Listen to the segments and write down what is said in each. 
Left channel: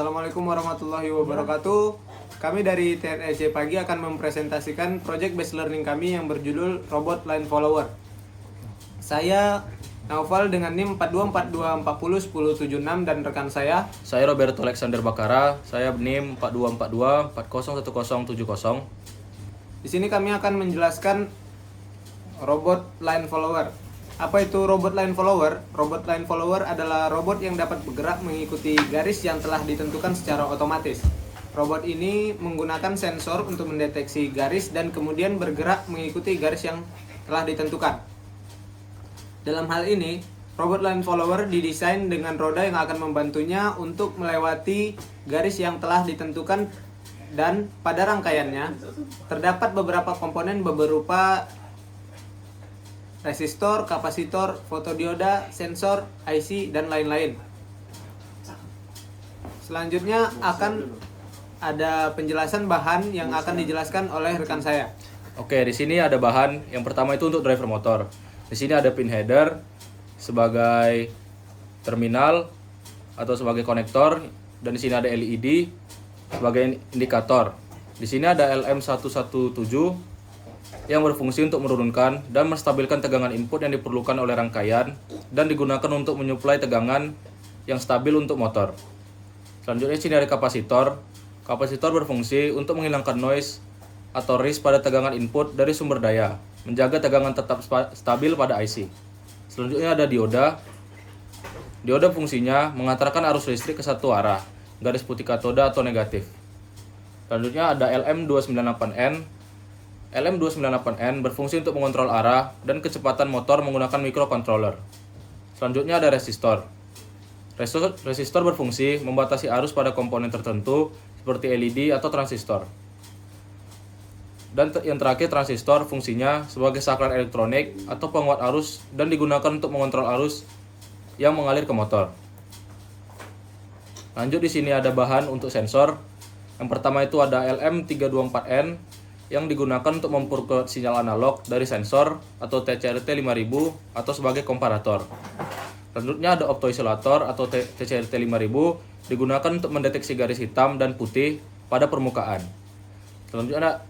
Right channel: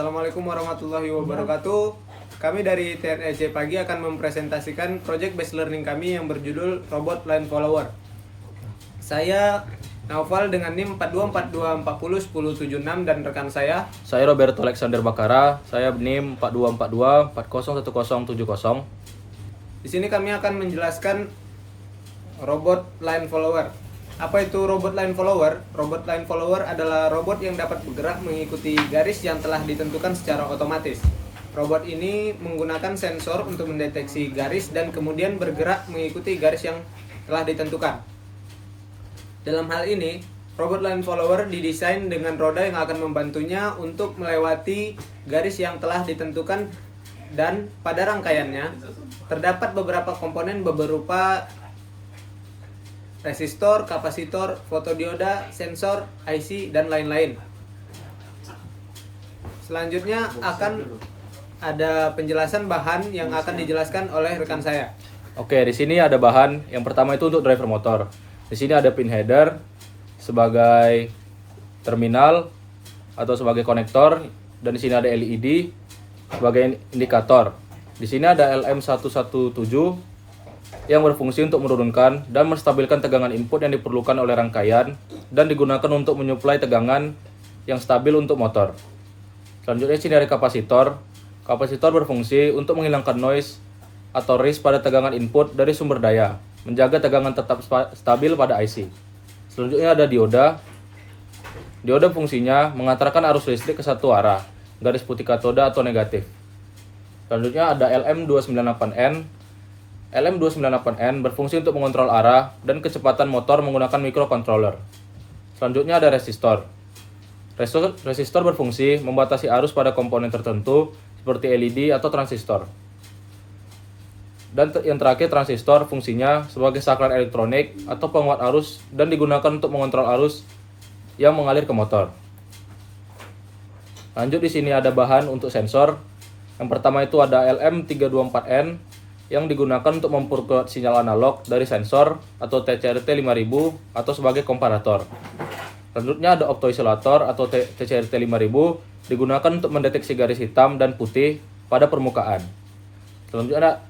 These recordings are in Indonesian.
Assalamualaikum warahmatullahi wabarakatuh. Kami dari TNEC Pagi akan mempresentasikan project based learning kami yang berjudul Robot Line Follower. Saya Naufal dengan NIM 4242401076 dan rekan saya Roberto Alexander Bakara, saya NIM 4242401070. Di sini kami akan menjelaskan robot line follower. Apa itu robot line follower? Robot line follower adalah robot yang dapat bergerak mengikuti garis yang telah ditentukan secara otomatis. Robot ini menggunakan sensor untuk mendeteksi garis dan kemudian bergerak mengikuti garis yang telah ditentukan. Dalam hal ini, robot line follower didesain dengan roda yang akan membantunya untuk melewati garis yang telah ditentukan, dan pada rangkaiannya terdapat beberapa komponen berupa resistor, kapasitor, fotodioda, sensor, IC, dan lain-lain. Selanjutnya akan ada penjelasan bahan yang akan dijelaskan oleh rekan saya. Oke, di sini ada bahan. Yang pertama itu untuk driver motor. Di sini ada pin header sebagai terminal atau sebagai konektor, dan di sini ada LED sebagai indikator. Di sini ada LM117 yang berfungsi untuk menurunkan dan menstabilkan tegangan input yang diperlukan oleh rangkaian dan digunakan untuk menyuplai tegangan yang stabil untuk motor. Selanjutnya di sini ada kapasitor. Kapasitor berfungsi untuk menghilangkan noise atau risk pada tegangan input dari sumber daya, menjaga tegangan tetap stabil pada IC. Selanjutnya ada dioda. Dioda fungsinya mengantarkan arus listrik ke satu arah, garis putih katoda atau negatif. Selanjutnya ada LM298N. LM298N berfungsi untuk mengontrol arah dan kecepatan motor menggunakan microcontroller. Selanjutnya ada resistor. Resistor berfungsi membatasi arus pada komponen tertentu seperti LED atau transistor. Dan yang terakhir, transistor fungsinya sebagai saklar elektronik atau penguat arus dan digunakan untuk mengontrol arus yang mengalir ke motor. Lanjut, di sini ada bahan untuk sensor. Yang pertama itu ada LM324N yang digunakan untuk memperkuat sinyal analog dari sensor atau TCRT 5000 atau sebagai komparator. Selanjutnya ada optoisolator atau TCRT 5000 digunakan untuk mendeteksi garis hitam dan putih pada permukaan.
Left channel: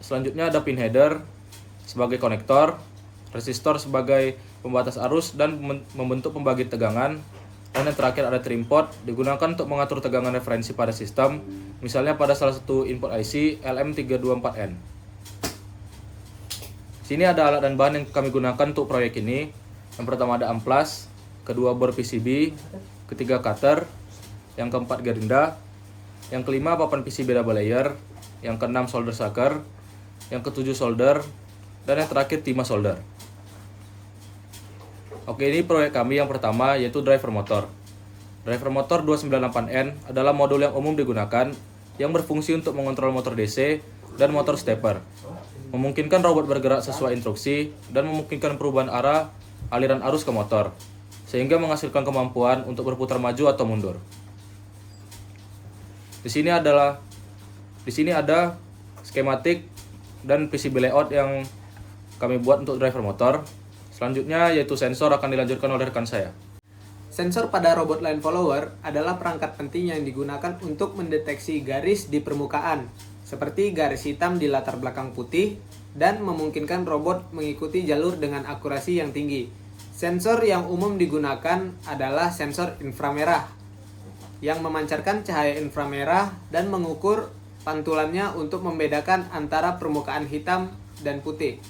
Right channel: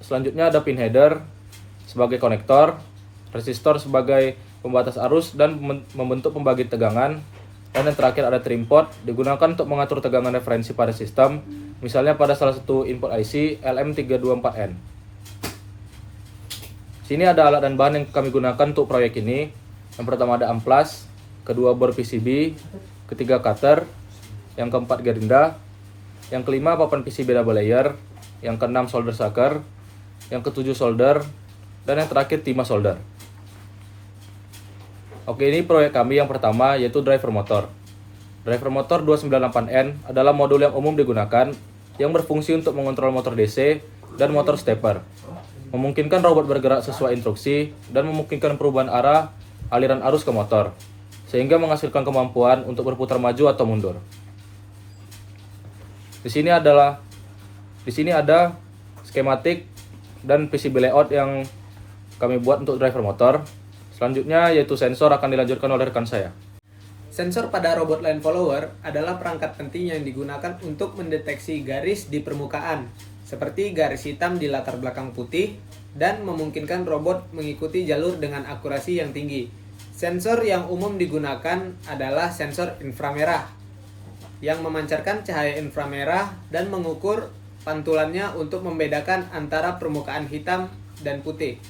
Selanjutnya ada pin header sebagai konektor, resistor sebagai pembatas arus dan membentuk pembagi tegangan, dan yang terakhir ada trim pot digunakan untuk mengatur tegangan referensi pada sistem, misalnya pada salah satu input IC LM324N. Sini ada alat dan bahan yang kami gunakan untuk proyek ini. Yang pertama ada amplas, kedua bor PCB, ketiga cutter, yang keempat gerinda, yang kelima papan PCB double layer, yang keenam solder sucker, yang ketujuh solder, dan yang terakhir timah solder. Oke, ini proyek kami yang pertama, yaitu driver motor. Driver motor 298N adalah modul yang umum digunakan yang berfungsi untuk mengontrol motor DC dan motor stepper, memungkinkan robot bergerak sesuai instruksi dan memungkinkan perubahan arah aliran arus ke motor, sehingga menghasilkan kemampuan untuk berputar maju atau mundur. Di sini ada skematik dan PCB layout yang kami buat untuk driver motor. Selanjutnya yaitu sensor akan dilanjutkan oleh rekan saya. Sensor pada robot line follower adalah perangkat penting yang digunakan untuk mendeteksi garis di permukaan, seperti garis hitam di latar belakang putih, dan memungkinkan robot mengikuti jalur dengan akurasi yang tinggi. Sensor yang umum digunakan adalah sensor inframerah, yang memancarkan cahaya inframerah dan mengukur pantulannya untuk membedakan antara permukaan hitam dan putih.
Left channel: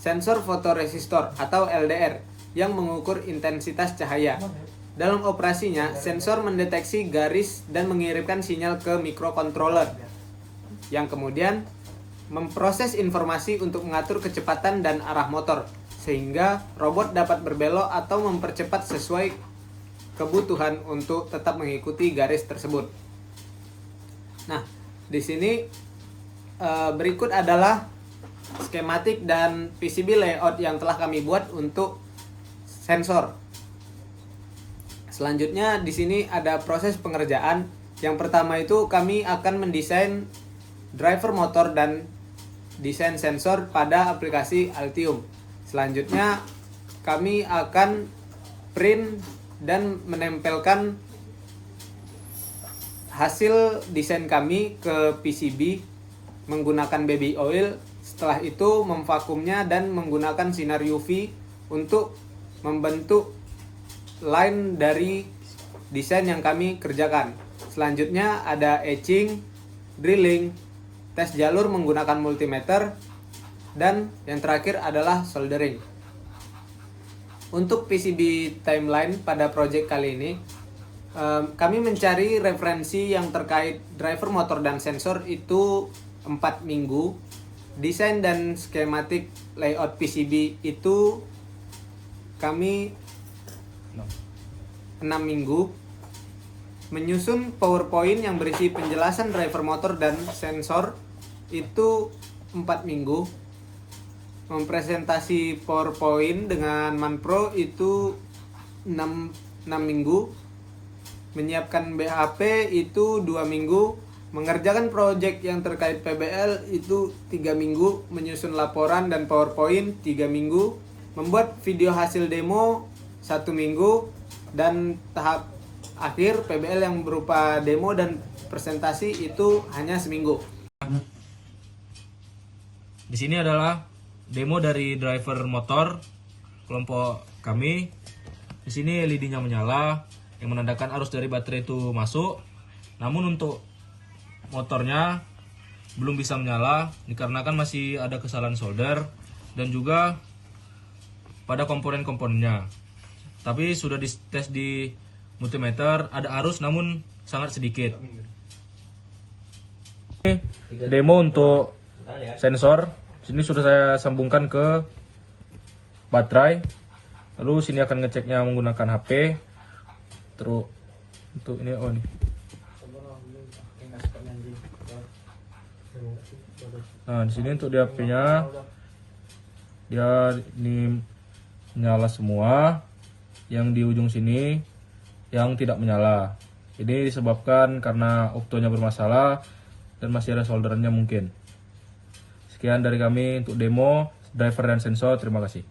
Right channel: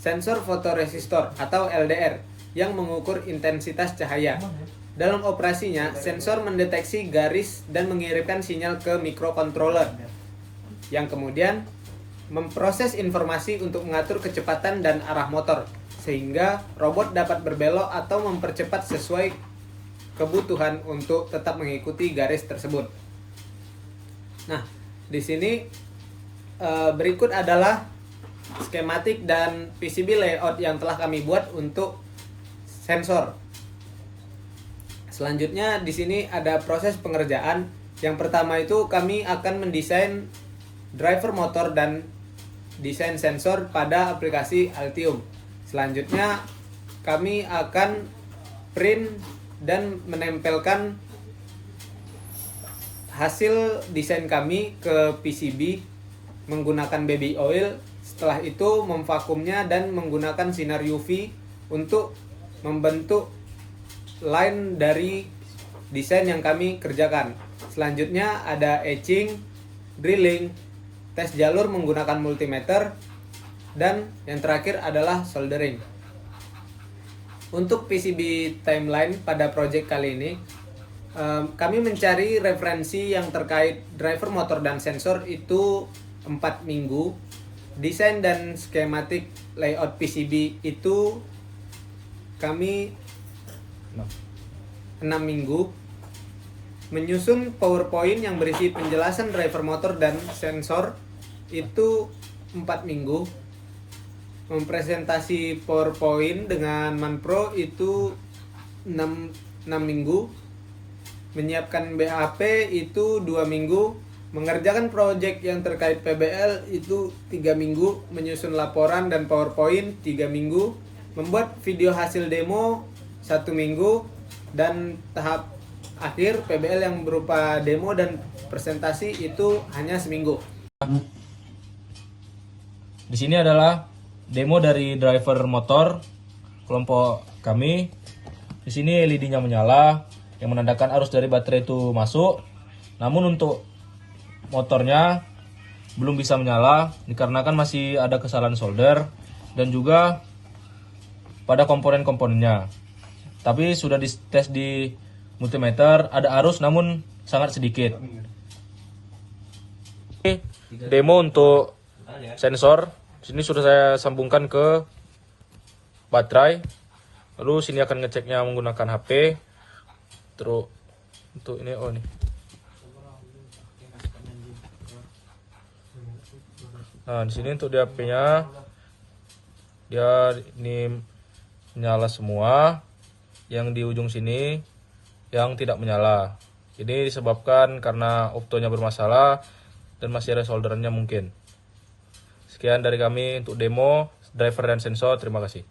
Sensor fotoresistor atau LDR, yang mengukur intensitas cahaya. Dalam operasinya, sensor mendeteksi garis dan mengirimkan sinyal ke microcontroller, yang kemudian memproses informasi untuk mengatur kecepatan dan arah motor, sehingga robot dapat berbelok atau mempercepat sesuai kebutuhan untuk tetap mengikuti garis tersebut. Nah, di sini berikut adalah skematik dan PCB layout yang telah kami buat untuk sensor. Selanjutnya di sini ada proses pengerjaan. Yang pertama itu kami akan mendesain driver motor dan desain sensor pada aplikasi Altium. Selanjutnya kami akan print dan menempelkan hasil desain kami ke PCB menggunakan baby oil. Setelah itu memvakumnya dan menggunakan sinar UV untuk membentuk line dari desain yang kami kerjakan. Selanjutnya ada etching, drilling, tes jalur menggunakan multimeter, dan yang terakhir adalah soldering. Untuk PCB timeline pada project kali ini, kami mencari referensi yang terkait driver motor dan sensor itu 4 minggu. Desain dan skematik layout PCB itu kami 6 minggu. Menyusun PowerPoint yang berisi penjelasan driver motor dan sensor itu 4 minggu. Mempresentasi PowerPoint dengan Manpro itu 6 minggu. Menyiapkan BHP itu 2 minggu. Mengerjakan proyek yang terkait PBL itu 3 minggu. Menyusun laporan dan PowerPoint 3 minggu. Membuat video hasil demo 1 minggu. Dan tahap akhir PBL yang berupa demo dan presentasi itu hanya seminggu. Di sini adalah demo dari driver motor kelompok kami. Di sini LED-nya menyala yang menandakan arus dari baterai itu masuk. Namun untuk motornya belum bisa menyala dikarenakan masih ada kesalahan solder dan juga pada komponen-komponennya. Tapi sudah dites di multimeter, ada arus namun sangat sedikit. Demo untuk sensor, sini sudah saya sambungkan ke baterai. Lalu sini akan ngeceknya menggunakan HP. Terus untuk ini nih. Nah, di sini untuk HP-nya dia ini menyala semua. Yang di ujung sini yang tidak menyala. Ini disebabkan karena optonya bermasalah dan masih ada solderannya mungkin. Sekian dari kami untuk demo driver dan sensor. Terima kasih.